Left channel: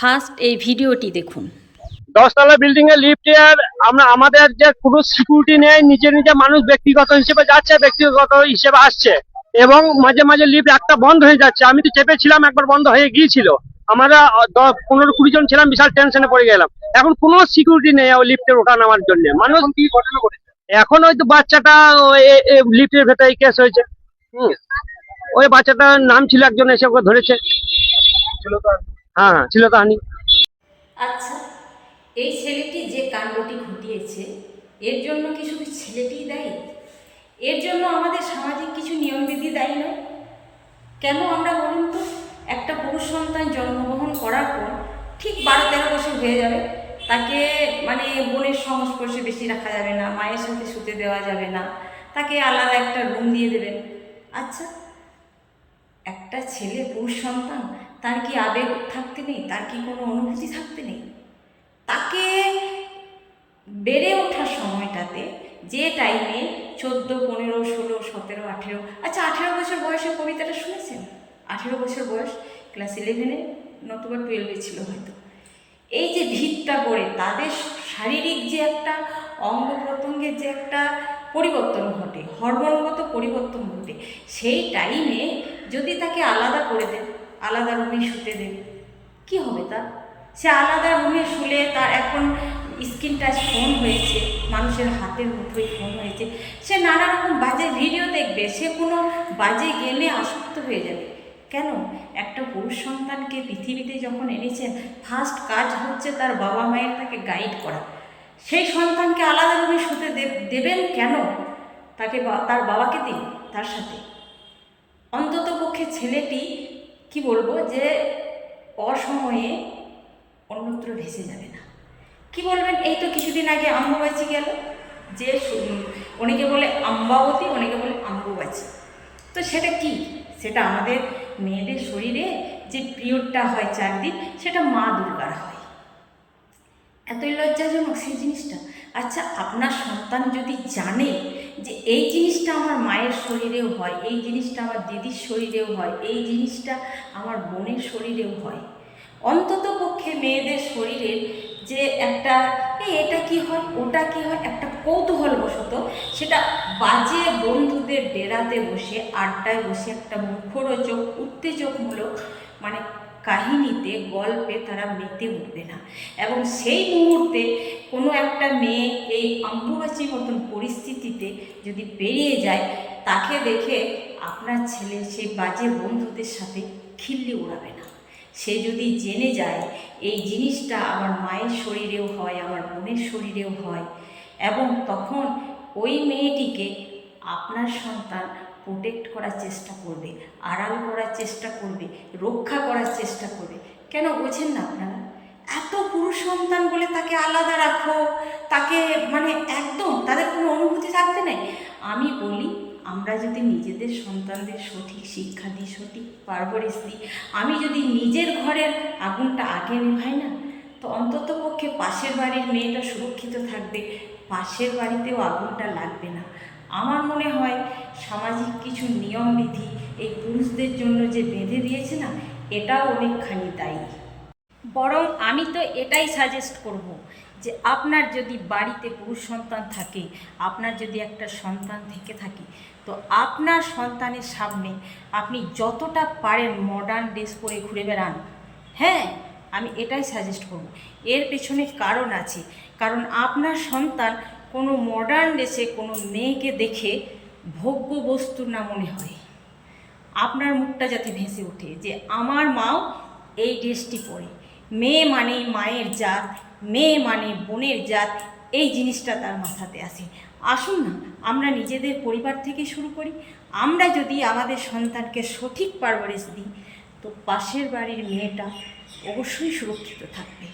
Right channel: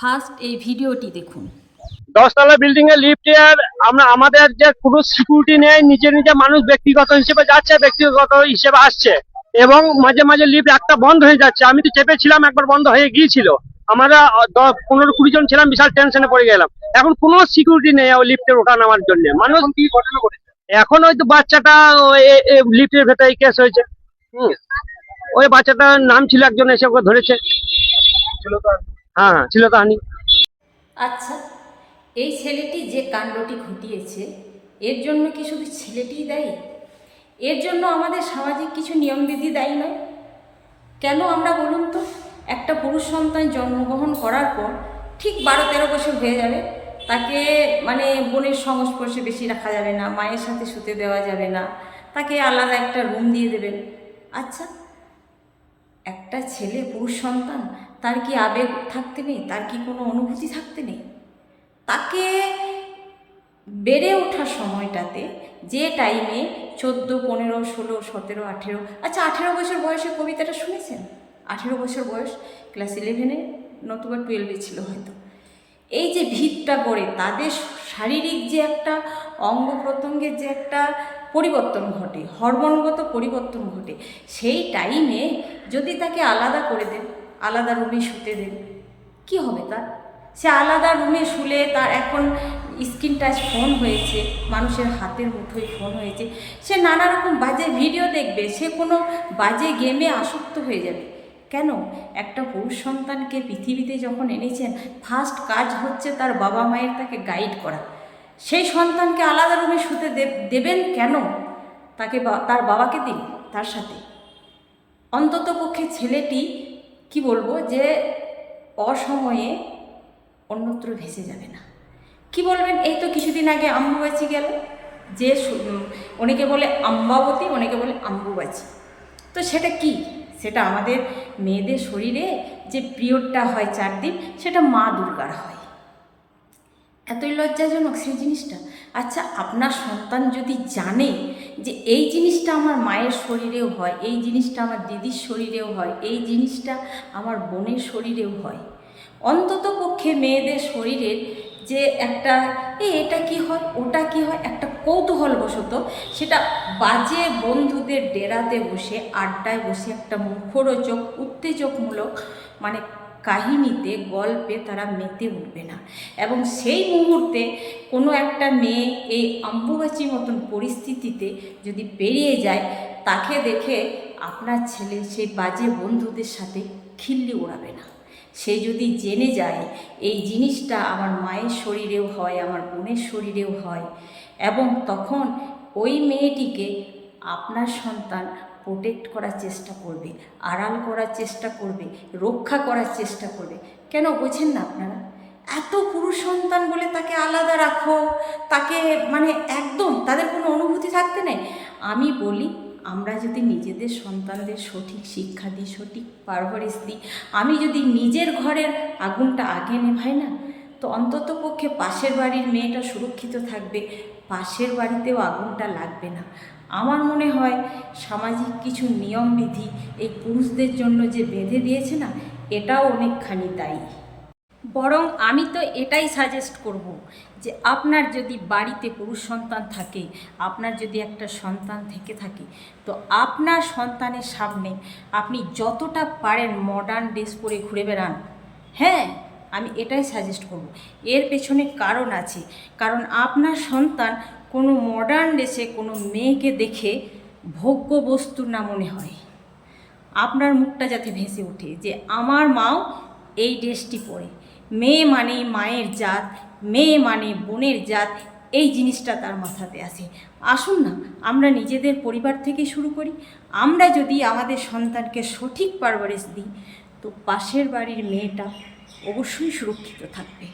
First এই ভিডিওটি দেখুন। 10 তলা বিল্ডিং এর লিফটের আমাদের যে কোনো সিকিউরিটি নেই, নিজে নিজে মানুষ ব্যক্তিগত হিসেবে যাচ্ছে, ব্যক্তিগত হিসেবে আসছে, এবং মাঝে মাঝে লিফট একটা বন্ধ হয়ে যাচ্ছে। আমি তো চেপেছিলাম, একবার বন্ধ হয়ে গিয়েছিল। আমরা 15-20 জন ছিলাম, বিশাল টেনশনে পড়ে গেলাম। এখন কোনো সিকিউরিটি নেই ওই লিফটের ওঠা নামার জন্য। মানুষ কি ঘটনা ঘটেছে এখন, ওই তো বাচ্চাটা লিফটের ভেতরে কেস হয়েছে। ওই বাচ্চাটার নাম ছিল, একজন এসে ওকে ধরেছে। হ্যাঁ, ছিল তো হানি। আচ্ছা, এই ছেলেটি যে কাণ্ডটি ঘটিয়েছে, এর জন্য কি শুধু ছেলেটিই দায়ী? এর জন্য আমাদের সামাজিক কিছু নিয়মবিধি দায়ী নয়? কেন আমরা বলুন তো, একটা পুরুষ সন্তান জন্মগ্রহণ করার পর ঠিক 12-13 বছর হয়ে যাবে, তাকে মানে বোনের সংস্পর্শে বেশি রাখা যাবে না, মায়ের সাথে শুতে দেওয়া যাবে না, তাকে আলাদা একটা রুম দিয়ে দেবেন। আচ্ছা, একটা ছেলে পুরুষ সন্তান, তার কি আবেগ থাকতে নেই? তার কি কোনো অনুভূতি থাকতে নেই? তাকে বেড়ে ওঠার সময়টাতে, যে টাইমে 14, 15, 16, 17, 18, আচ্ছা 18 বছর বয়সে কবিতাটা শুনেছেন? 18 বছর বয়স, ক্লাস 11-এ নতুবা 12-এ ছিল হয়তো। এই যে ভিতটা গড়ে তাদের শারীরিক যে একটা অঙ্গ প্রত্যঙ্গের যে একটা পরিবর্তন ঘটে, হরমোনগত পরিবর্তন ঘটে, সেই টাইমে যদি তাকে আলাদা করে দেন, আলাদা রুমে শুতে দেন, কি হবে তার? সে আলাদা রুমে শুলে তার এখন স্ক্রিন টাচ ফোন হয়েছে, মানুষের হাতের মুঠোয় ফোন হয়েছে, সে নানা রকম বাজে ভিডিও দেখবে, সে কোনো বাজে গেমে আসক্ত হয়ে যাবে। কেন? একটা পুরুষ সন্তানকে পৃথিবীতে যখন এনেছেন, ফার্স্ট কাজ হচ্ছে তার বাবা মায়ের তাকে গাইড করা। সেই সন্তানকে আলাদা রুমে শুতে দেবেন কেন? তাকে তার বাবাকে দিন তার সাথে। অন্তত পক্ষে ছেলেটি কি বলবো, যে অসময়ে অন্যত্র ভেসে যাবে না। কি বলবেন? এই তো কিছুদিন আগে অম্বুবাচী গেল, যে অনেকে বলে অম্বাবতী, অনেকে বলে অম্বুবাচী। তো সেটা কি? সেটা আমাদের মেয়েদের শরীরে যে পিরিয়ডটা হয় 4 দিন, সেটা মা দুর্গার হয়। এতই লজ্জাজনক সেই জিনিসটা। আচ্ছা, আপনার সন্তান যদি জানে যে এই জিনিসটা আমার মায়ের শরীরেও হয়, এই জিনিসটা আমার দিদির শরীরেও হয়, এই জিনিসটা আমার বোনের শরীরেও হয়, অন্তত পক্ষে মেয়েদের শরীরের যে একটা এটা কি হয়, ওটা কি হয়, একটা কৌতূহলবশত সেটা বাজে বন্ধুদের ডেরাতে বসে, আড্ডায় বসে একটা মুখরোচক উত্তেজকমূলক মানে কাহিনীতে, গল্পে তারা মেতে উঠবে না। এবং সেই মুহূর্তে কোনো একটা মেয়ে এই অম্বুবাচীর মতন পরিস্থিতিতে যদি পেরিয়ে যায়, তাকে দেখে আপনার ছেলে সেই বাজে বন্ধুদের সাথে খিল্লি ওড়াবে না। সে যদি জেনে যায় এই জিনিসটা আমার মায়ের শরীরেও হয়, আমার বোনের শরীরেও হয়, এবং তখন ওই মেয়েটিকে আপনার সন্তান প্রোটেক্ট করার চেষ্টা করবে, আড়াল করার চেষ্টা করবে, রক্ষা করার চেষ্টা করবে। কেন বোঝেন না আপনারা? এত পুরুষ সন্তান বলে তাকে আলাদা রাখো, তাকে মানে একদম তাদের কোনো অনুভূতি থাকতে নেই। আমি বলি, আমরা যদি নিজেদের সন্তানদের সঠিক শিক্ষা দিই, সঠিক পারভারিশ দিই, আমি যদি নিজের ঘরের আগুনটা আগে নেভাই না, তো অন্তত পক্ষে পাশের বাড়ির মেয়েটা সুরক্ষিত থাকবে, পাশের বাড়িতেও আগুনটা লাগবে না। আমার মনে হয় সামাজিক কিছু নিয়মবিধি এই পুরুষদের জন্য যে বেঁধে দিয়েছে না, এটাও অনেকখানি দায়ী। বরং আমি তো এটাই সাজেস্ট করব যে আপনার যদি বাড়িতে পুরুষ সন্তান থাকে, আপনার যদি একটা সন্তান থেকে থাকে, তো আপনার সন্তানের সামনে আপনি যতটা পারেন মডার্ন ড্রেস পরে ঘুরে বেড়ান। হ্যাঁ, আমি এটাই সাজেস্ট করব। এর পেছনে কারণ আছে, কারণ আপনার সন্তান কোনো মডার্ন ড্রেসে কোনো মেয়েকে দেখে ভোগ্য বস্তু না মনে হয়। আপনার মুখটা যাতে ভেসে ওঠে যে আমার মাও এই ড্রেসটি পরে, মেয়ে মানে মায়ের জাত, মেয়ে মানে বোনের জাত, এই জিনিসটা তার মাথাতে আসে। আসুন না, আমরা নিজেদের পরিবার থেকে শুরু করি। আমরা যদি আমাদের সন্তানকে সঠিক পারভারিশ দিই, তো পাশের বাড়ির মেয়েটা অবশ্যই সুরক্ষিত থাকবে।